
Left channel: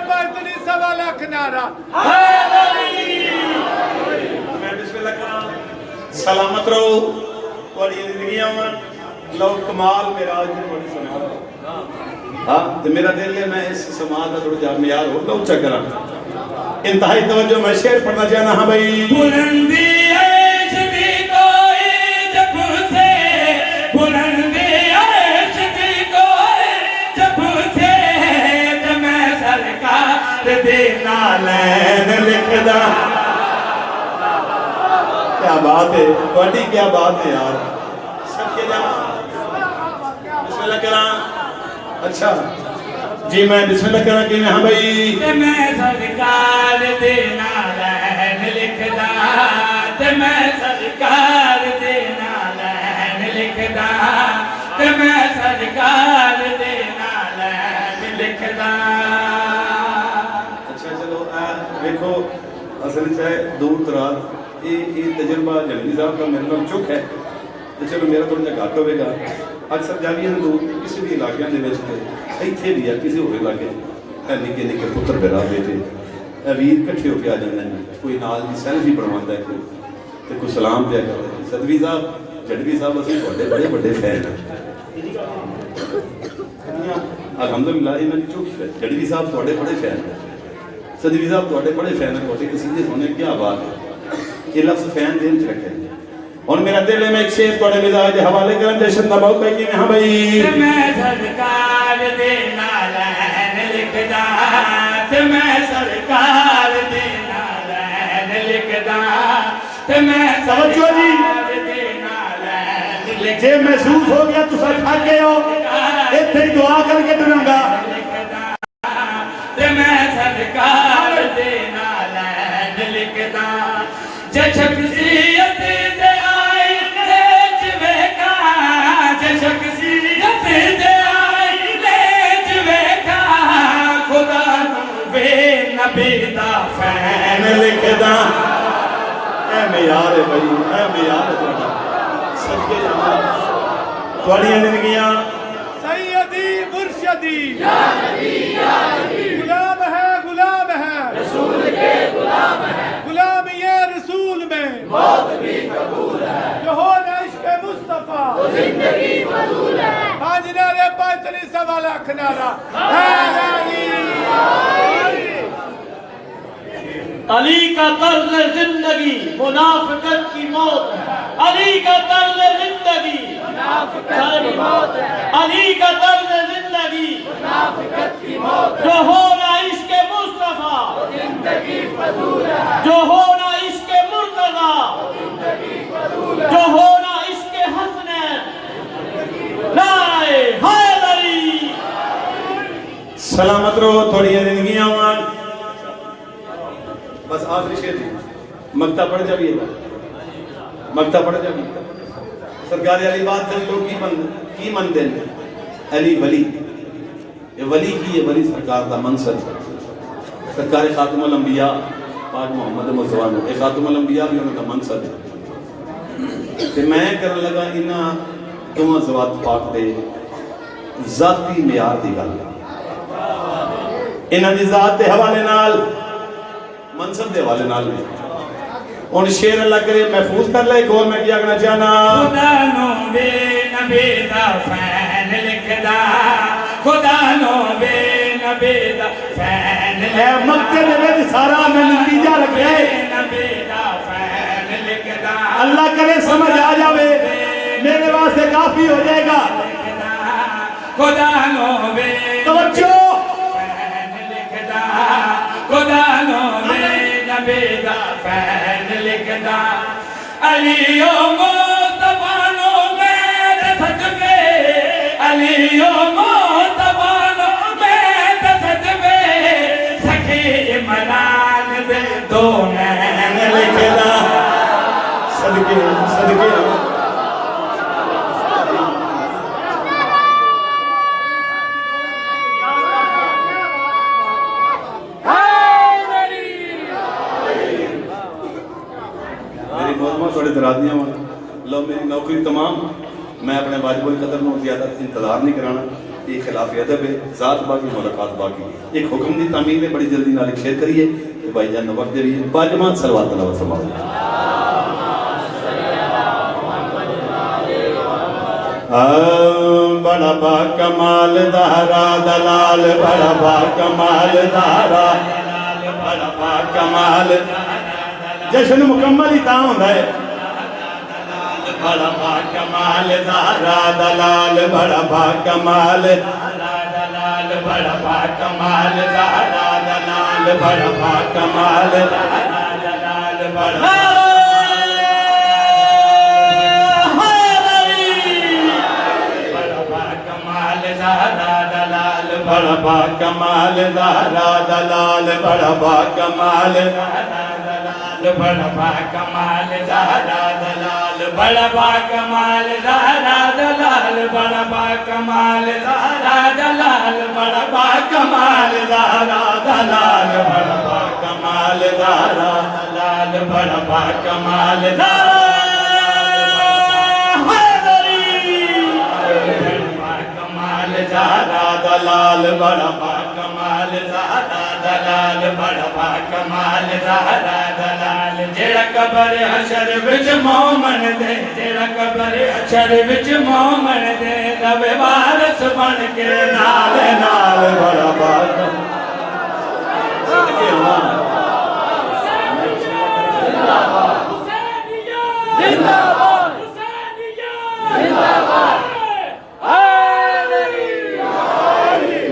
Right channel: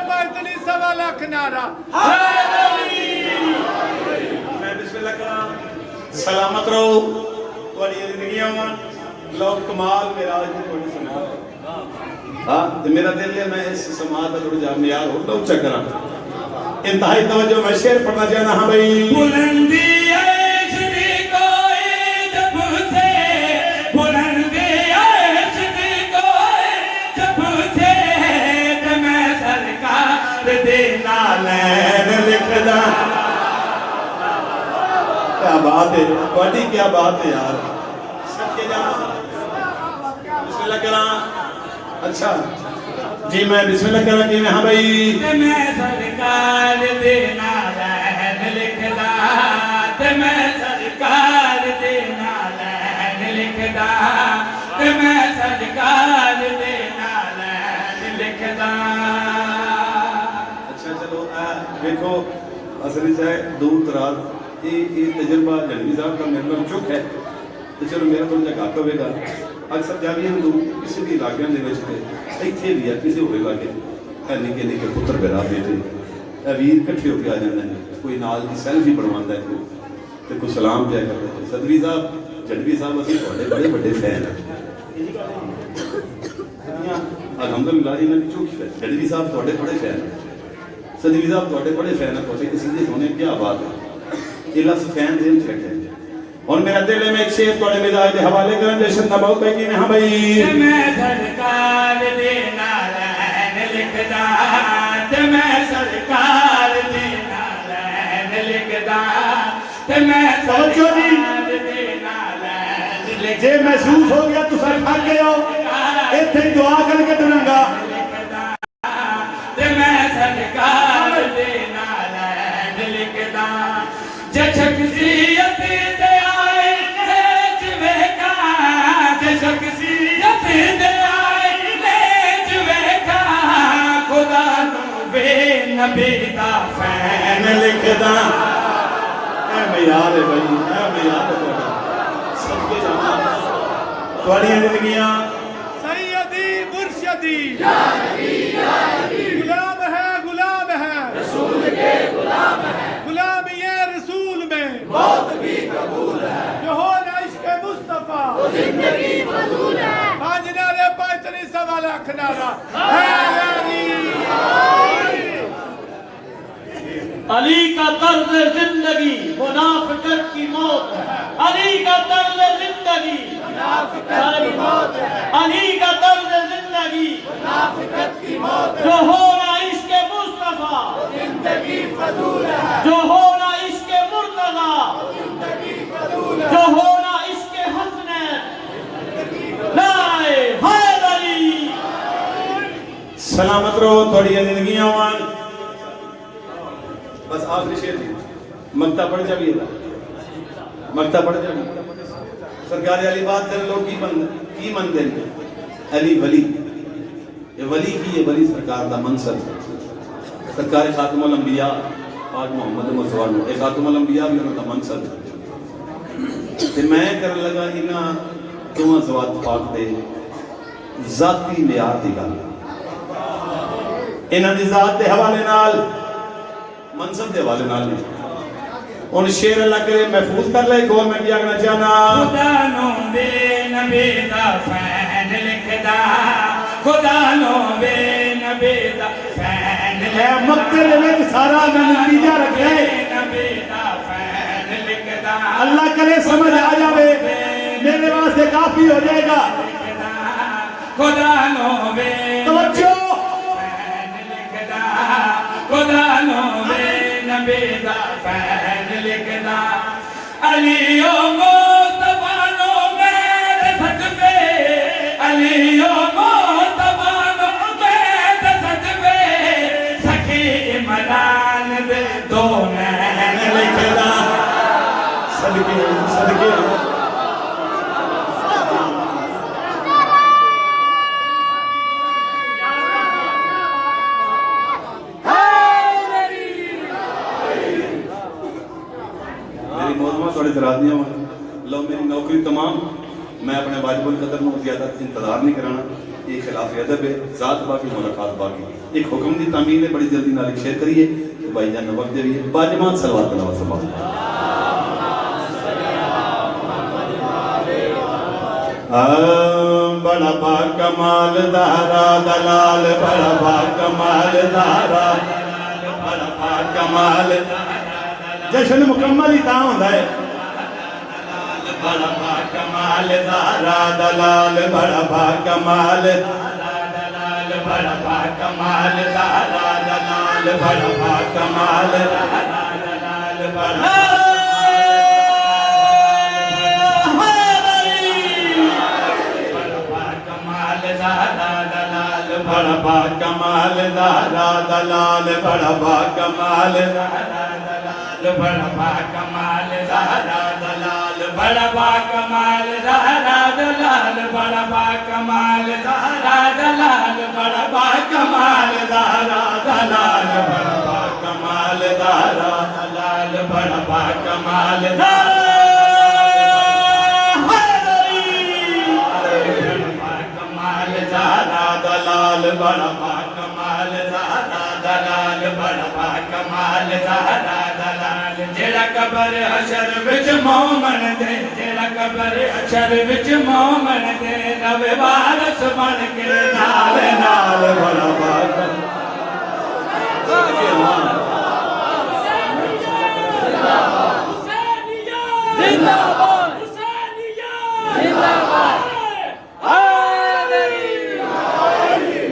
پانچ سوا لاکھ نعرہ حیدری میں بسم اللہ کراں سلامت رہو تواڈی زندگیاں لو کمال میرا آج تھوڑی سماعت ہاں تے میرا دل ہے میں اس سماعت کا تھوڑا جا معیار اور اونچا کراں انتہائی توجہ میں شعر پڑھنا چاہنا ہاں بھائی بلندی عیش دی کوئی جب سے بلندی عیش دی کوئی جب سے تے میں سرکار دے نالین لکھدا کیا بات ہے تواڈی کیا بات ہے یار سب کے جا بسم اللہ کراں اچھا جی میں بسم اللہ کراں کہ ہاں بھائی تے میں سرکار دے نالین لکھدا تے میں سرکار دے نالین لکھدا تے میں سرکار دے نالین لکھدا اچھا چلو دیکھو اصل سے دور دراز یہ تجربہ جنگی صاحب کا میرے نام چک ہے تو چلو میرا کوئی گھٹ ہوئے گا اکثر جاوی ہم دور کسی بھی علاقے اتنے بھی ہے کسی ہوئے علاقے نکے نکے پتر پیدا ہوئے تھے ویر کٹھے ہو کے آ جاتے ہیں کوئی نال کی سیلفی بنواتا ہے کوئی سلام پیا کرتا ہے صدوی صاحب جنگی صاحب اسی بڑے بڑے فین ہیں الحمدللہ انہوں نے چک جنگی صاحب تھوڑے بڑے فین ہیں صدوی صاحب تھوڑے بڑے فین ہیں تھوڑے کسی دے ہونے کیا بات ہے یہ لفظ فین دین چ رکھے اور میرا دل ہے میں ایک شعر تھوڑے مزاج کے حوالے کریں جشن کا موقع ہے کہ ہاں بھائی میں سرکار دے نالین لکھدا تے میں سرکار دے نالین لکھدا تے میں سرکار دے نالین لکھدا جے محسوس ہو گیا تو سب کھا گئے ہو ایتھے دعا کر کے بنا گا تے میں سرکار دے نالین لکھدا جے شخصیت دے آئی لے جوے کا جے شخصیت دے آئی لے جوے کا خدا نو بے نبی دا فین لکھدا اے معیار ہے بھائی اے معیار ہے سب کے جانا تواڈی زندگیاں سیدی مرشدی غلام ہے رسول کے غلام ہے غلام یہ رسول میں موت بھی قبول ہے جو ہو نہ عشق مصطفیٰ زندگی فضول ہے پانچ نعرے پانچ سوا لاکھ نعرہ حیدری علی کا طرز زندگی منافقت کی موت ہے علی کا طرز زندگی منافقت کی موت ہے علی کا طرز زندگی منافقت کی موت ہے جو ہونا عشق مصطفیٰ زندگی فضول ہے جو ہونا عشق مرتضیٰ زندگی فضول ہے جو ہونا عشق حسنین نعرہ حیدری سلامت رہو تھوڑی زندگیاں مان بس آخری شعر مکتا پڑھ جا بھی مکتا پڑھ جا بھی سرکاری علی بات سے لوگ کی من دیں علی ولی یہ ولی کی یہ ولی سرکار کا منصب سرکار خاتم الانبیاء پاک محمد مصطفیٰ ایک خاتم الانبیاء بھی ان کا منصب کہ میں کرنے لگا انہاں دونوں زوات پاک دے ذاتی معیار دی گل انہاں دی ذات دے حوالے نال منصب دے حوالے نال بھی ان شعر اللہ کرے محفوظ کر لے گول میں کیا کرنا چاہنا خدا نو بے نبی دا فین لکھدا خدا نو بے نبی دا فین اے مکتے میں سارا میں نتیجہ رکھے نبی دا فین لکھدا اللہ کرے سمجھ آ جاوے میرے واسطے کافی ہو جائے گا خدا نو بے توجہ فین لکھدا خدا نو بے نبی دا فین لکھدا علی و مصطفیٰ نو میرے صدقے علی و مصطفیٰ تھوڑے درادیاں لو میری نوکری تمام میں اپنے واجب القدر میں زیادہ انتظار نہیں کرانا یہ خلاف ادب ہے ذات باقی ملاقات باقی ایک حکم دی تعمیل ہے بڑی جلدی نال ایک شعر کریے تو بھائی جان وقت دے لیے باجماعت صلوات تلاوت فرماؤ بڑا با کمال دہرا دلال بڑا با کمال دہرا دلال بڑا با کمال جشن مکمل ہی تاں ہوتا ہے بڑا با کمال دہرا دلال بڑا با کمال دلال بڑا با کمال دہرا دلال بڑا با کمال دہرا دلال بڑا بڑا با کمال دارا دلال بڑا با کمال دارا دلال بڑا با کمال دارا دلال بڑا با کمال دارا دلال بڑا با کمال دارا دلال بڑا با کمال دارا دلال بڑا با کمال دارا دلال بڑا با کمال دارا دلال بڑا با کمال زہرا دلال بڑا با کمال زہرا دلال جیڑا قبر حشر وچ مومن دے جیڑا قبر حشر وچ مومن دے رب وارث بن کے نال نال بڑا با زندہ باد زندہ باد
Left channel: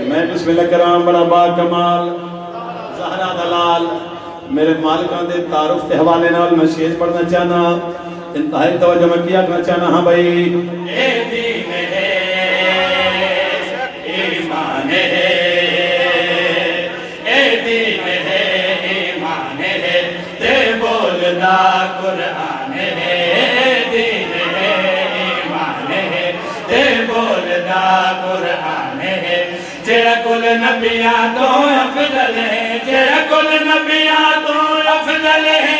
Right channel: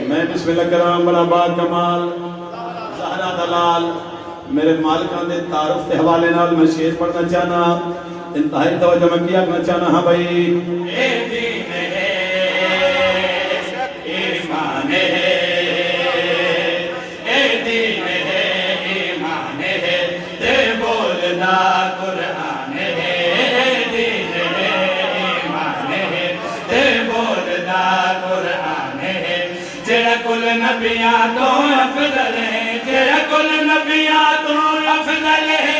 میں بسم اللہ کرام بڑا با کمال زہرا دلال میرے مالکان دے تعارف کے حوالے نال میں شعر پڑھنا چاہنا انتہائی توجہ میں کیا کرنا چاہنا ہاں بھائی اے دین ہے ایمان ہے اے دین ہے ایمان ہے تے بولنا قرآن ہے اے دین ہے ایمان ہے تے بولنا قرآن ہے جیڑا کل نبیاں تو افضل ہے جیڑا کل نبیاں تو افضل ہے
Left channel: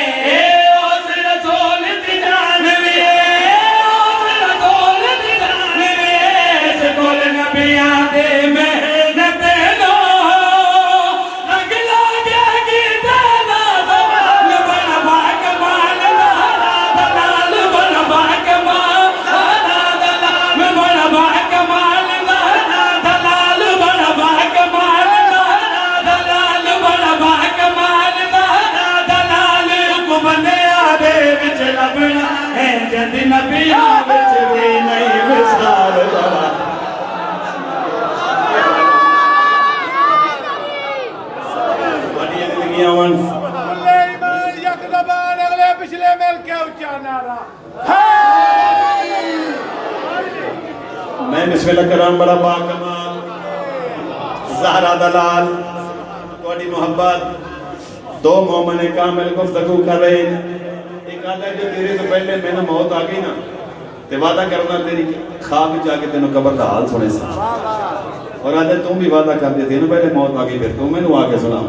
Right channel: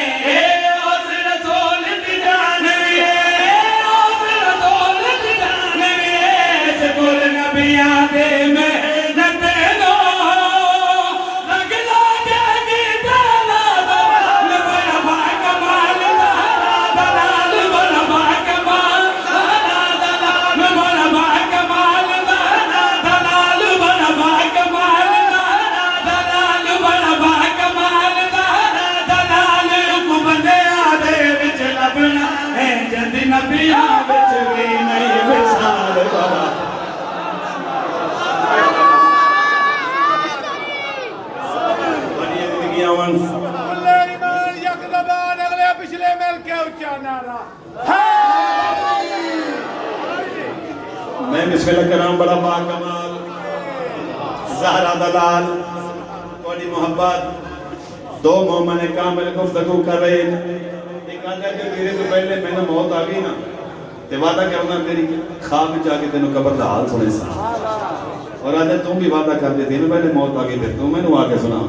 اس رسول دی جان میں اس رسول دی جان میں اس کل نبیاں دے محنت لو لگلا گیا گیتا دلال بڑا با کمال دلال بڑا با کمال دلال بڑا با کمال دلال بڑا با کمال دلال بڑا با کمال دلال رب بندیاں دے وچ لبنا ہے جد نبیاں وچ وی نہیں مثال بڑا بڑی زندگیاں ون کلے ایمان یک زبان اگلے پچھلے مل کے اونچا نعرہ میں بسم اللہ کرام بڑا با کمال زہرا دلال تھوڑی محبت دو مومن کامل گفتگو کر رہے ہیں ایک آدھا ہے کہ تیرے تو پہلے میں نے موت آ گئی نا تے وعدہ کرنا تیری خواب میں جا کے تینوں قبر کا حال سنے سا اور آدھے تم بھی وعدہ کر دیتے ہیں پہلے موت آ گئی پھر تم میں نے آ کے سنا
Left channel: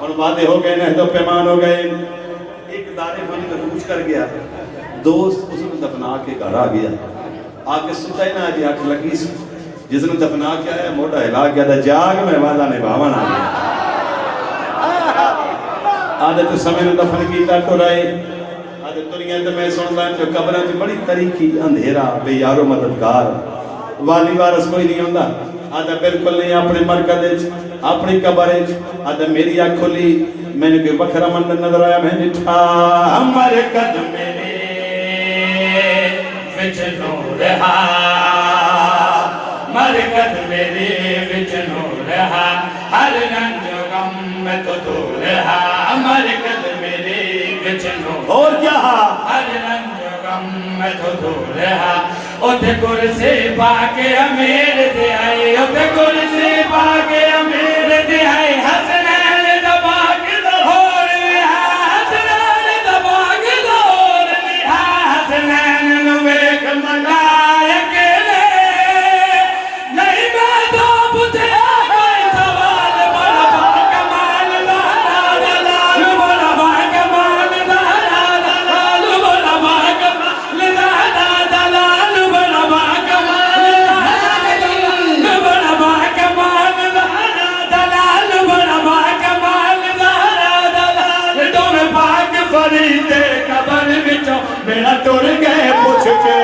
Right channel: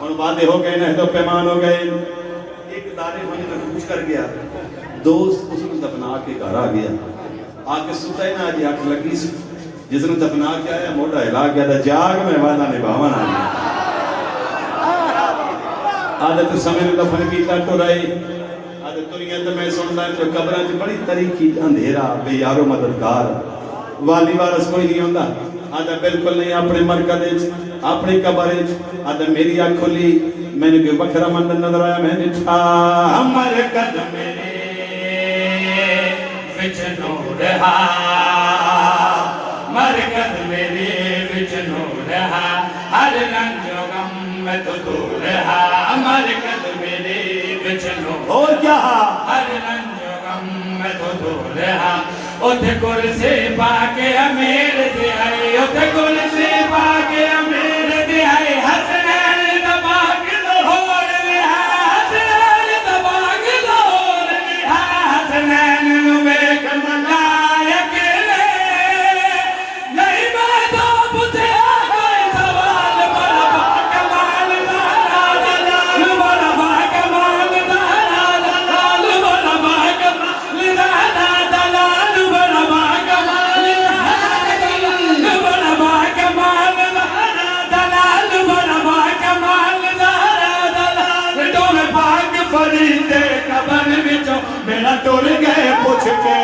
اور وعدے ہو گئے نہد و پیمان ہو گئے ایک دارے من میں پوچھ کر گیا دوست اس کو دفنا کے گھر آ گیا آگے ستا ہی نہ آجی آنکھ لگی سی جس نے دفنا کیا ہے موٹا ہلا کیا تھا جاگ میں وعدہ نبھاون آ گیا آدھے تو سمے نے دفن کیتا تو رہے آدھے دنیا تے میں سندا جو قبراں تے بڑی طریقی اندھیرا بے یارو مددگار والی وارث کوئی نہیں ہوندا آدھے بالکل نہیں اپنے مرکز وچ اپنی قبر وچ آدھے میری اکھ کھلی میں نے کوئی وکھرا منظر نظر آیا میں نے ٹھا مرکز میرے وچ نور ہا مرکز میرے وچ نور ہا ہر رنگ و غم میں تو دور ہا مرکز میرے وچ نور اور کیا ہر رنگ و غم میں تو دور ہا اوتھے کرسی پا کے امیر دے آئے اوتھے کرسی پا کے امیر دے آئے حسنین دبا کے لاہور میں حسنین دبا کے لاہور میں حسنین نو ویکھ منگایا کے لے نہیں میں تو پوچھے کوئی سوال بڑا با کمال دلال بڑا با کمال دلال بڑا با میرا ٹر گئے پوچھ کے